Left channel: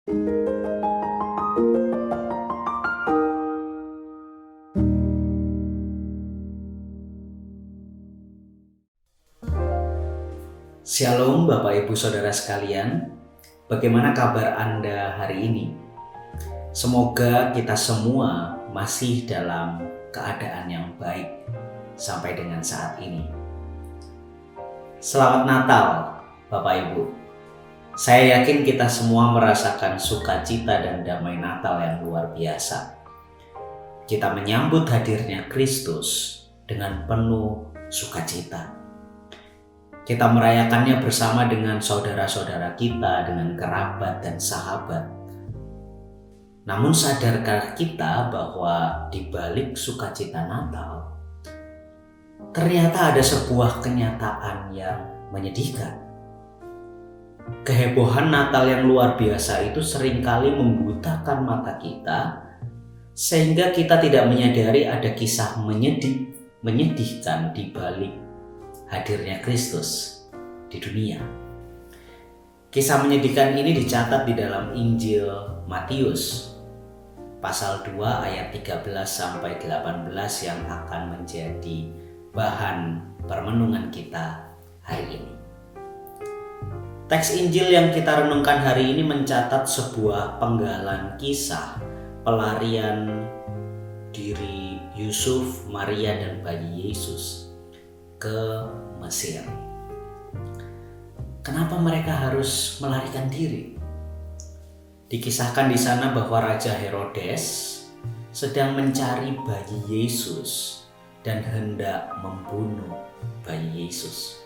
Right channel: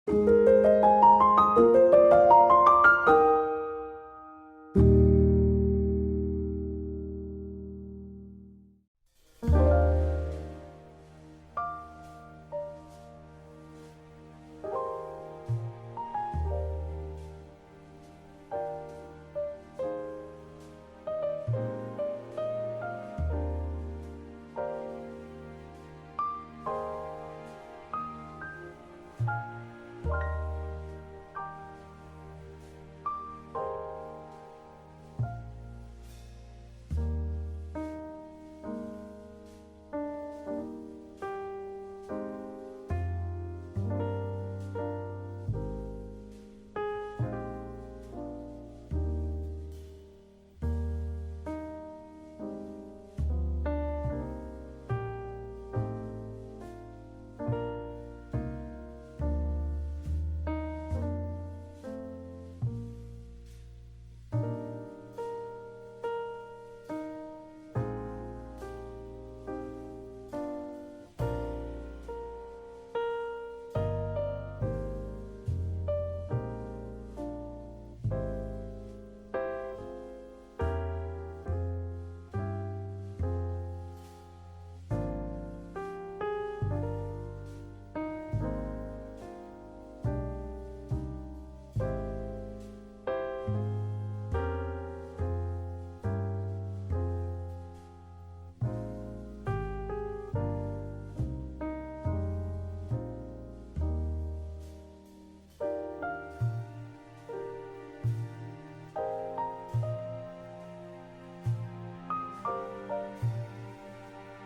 Shalom Bapak Ibu Saudara sekalian, bagaimana kabar Anda hari ini? Semoga kita semua masih dalam keadaan yang baik sampai dengan saat ini. Selamat Natal Bapak Ibu. Saya yakin kita semua merasakan sukacita dan damai Natal yang luar biasa. Kita menyambut hadirnya Kristus dengan penuh sukacita. Kita merayakannya bersama dengan saudara-saudara kita, dengan kerabat dan sahabat. Namun sadarkah kita bahwa di balik sukacita Natal, ternyata ada sebuah kenyataan yang menyedihkan. Kehebohan Natal yang luar biasa itu seringkali membutakan mata kita, sehingga kita tidak menyadari ada kisah menyedihkan di balik hadirnya Kristus di dunia. Kisah menyedihkan ini dicatat di dalam Injil Matius pasal 2 ayat 13 sampai 18 yang akan menjadi bahan permenungan kita hari ini. Teks Injil yang kita renungkan hari ini mencatat sebuah penggalan kisah pelarian diri Yusuf, Maria dan bayi Yesus ke Mesir. Kenapa mereka harus melarikan diri? Dikisahkan di sana bahwa Raja Herodes sedang mencari bayi Yesus dan hendak membunuh bayi Yesus.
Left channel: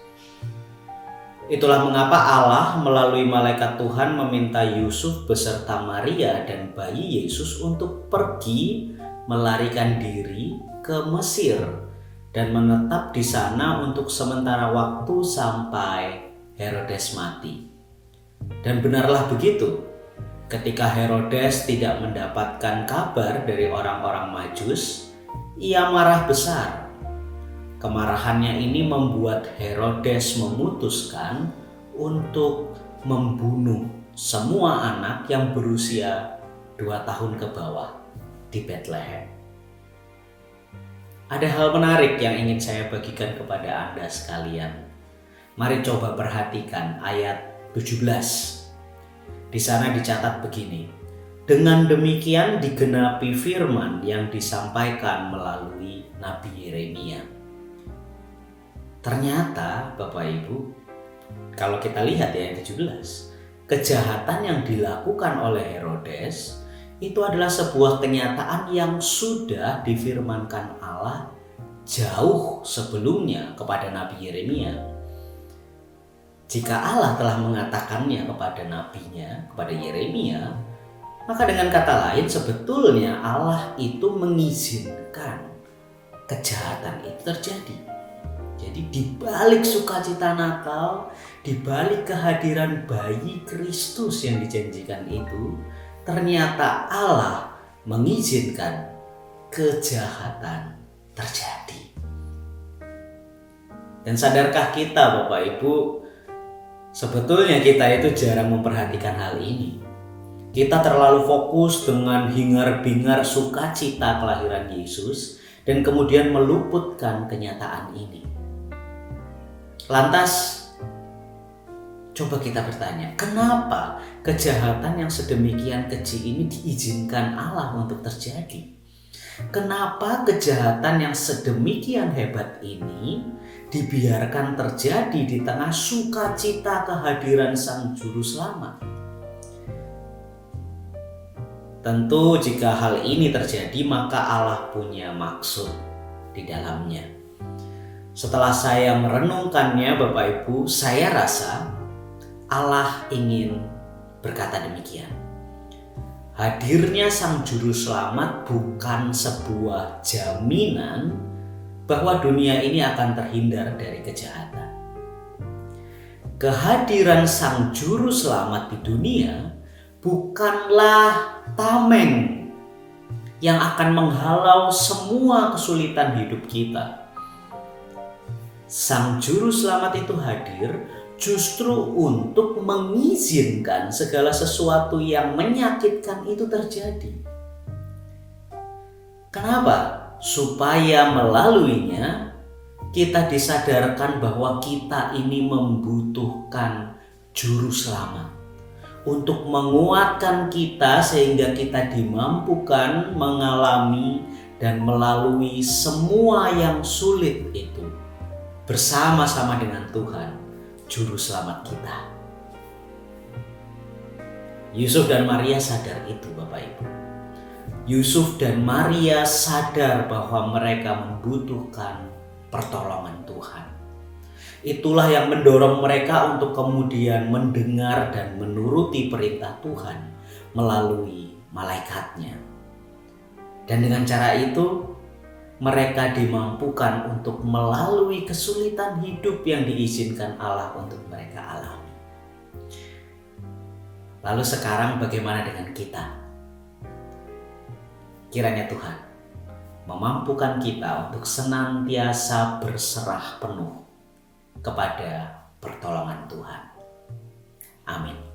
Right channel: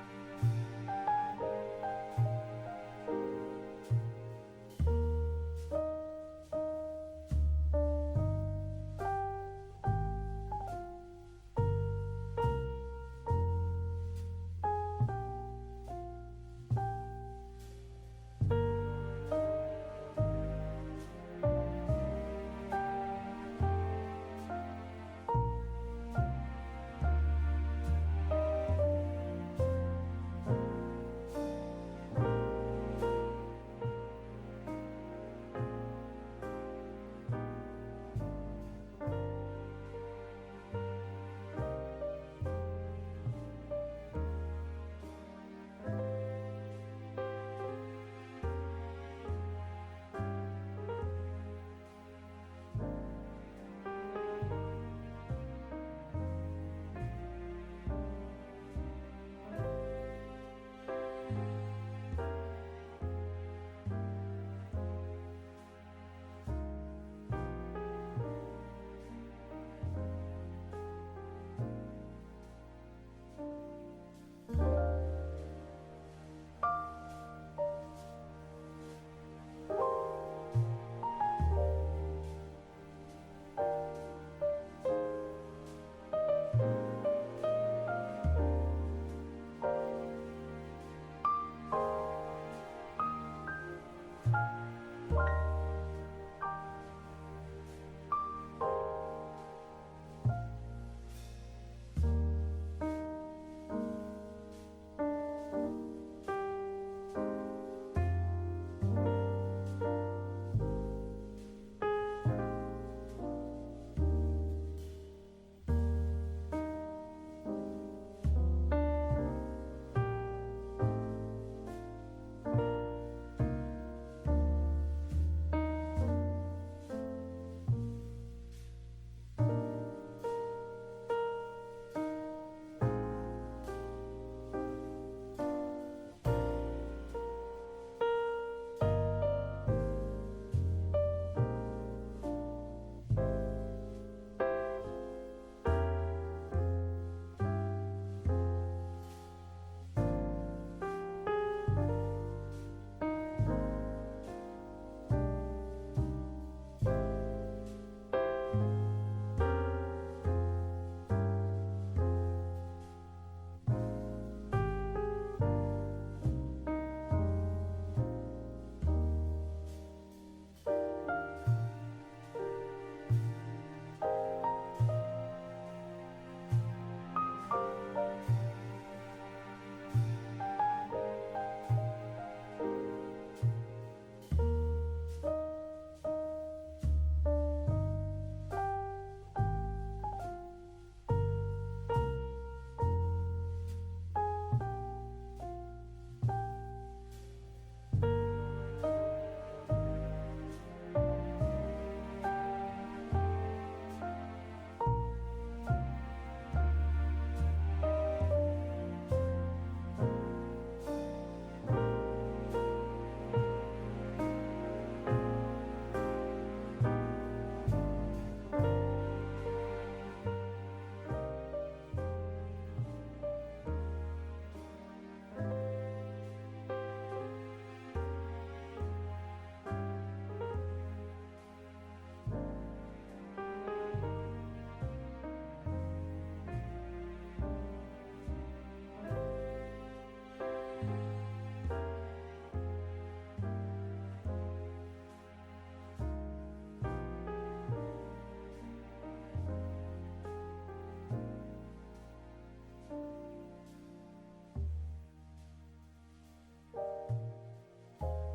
Itulah mengapa Allah melalui malaikat Tuhan meminta Yusuf beserta Maria dan bayi Yesus untuk pergi melarikan diri ke Mesir dan menetap di sana untuk sementara waktu sampai Herodes mati. Dan benarlah begitu. Ketika Herodes tidak mendapatkan kabar dari orang-orang Majus, ia marah besar. Kemarahannya ini membuat Herodes memutuskan untuk membunuh semua anak yang berusia 2 tahun ke bawah di Bethlehem. Ada hal menarik yang ingin saya bagikan kepada Anda sekalian. Mari coba perhatikan ayat 17. Di sana dicatat begini. Dengan demikian digenapi firman yang disampaikan melalui Nabi Yeremia. Ternyata Bapak Ibu, kalau kita lihat ya ayat 17, kejahatan yang dilakukan oleh Herodes itu adalah sebuah kenyataan yang sudah difirmankan Allah jauh sebelumnya kepada Nabi Yeremia. Jika Allah telah mengatakannya kepada nabinya, kepada Yeremia, maka dengan kata lain sebetulnya Allah itu mengizinkan kejahatan itu terjadi. Jadi di balik sukacita Natal, di balik kehadiran bayi Kristus yang dijanjikan itu, ternyata Allah mengizinkan kejahatan terjadi. Dan sadarkah kita Bapak Ibu, sebetulnya kita itu jarang memperhatikan hal ini. Kita terlalu fokus dengan hingar-bingar sukacita kelahiran Yesus dan kemudian meluputkan kenyataan ini. Lantas, coba kita bertanya, kenapa kejahatan yang sedemikian kecil ini diizinkan Allah untuk terjadi? Kenapa kejahatan yang sedemikian hebat ini dibiarkan terjadi di tengah sukacita kehadiran Sang Juru Selamat? Tentu jika hal ini terjadi maka Allah punya maksud di dalamnya. Setelah saya merenungkannya Bapak Ibu, saya rasa Allah ingin berkata demikian. Hadirnya Sang Juru Selamat bukan sebuah jaminan bahwa dunia ini akan terhindar dari kejahatan. Kehadiran Sang Juru Selamat di dunia bukanlah tameng yang akan menghalau semua kesulitan hidup kita. Sang Juru Selamat itu hadir justru untuk mengizinkan segala sesuatu yang menyakitkan itu terjadi. Kenapa? Supaya melaluinya kita disadarkan bahwa kita ini membutuhkan juru selamat untuk menguatkan kita sehingga kita dimampukan mengalami dan melalui semua yang sulit itu bersama-sama dengan Tuhan, juru selamat kita. Yusuf dan Maria sadar itu, Bapak Ibu. Yusuf dan Maria sadar bahwa mereka membutuhkan pertolongan Tuhan. Itulah yang mendorong mereka untuk kemudian mendengar dan menuruti perintah Tuhan melalui malaikatnya. Dan dengan cara itu mereka dimampukan untuk melalui kesulitan hidup yang diizinkan Allah untuk mereka alami. Lalu sekarang bagaimana dengan kita? Kiranya Tuhan memampukan kita untuk senantiasa berserah penuh kepada pertolongan Tuhan. Amin.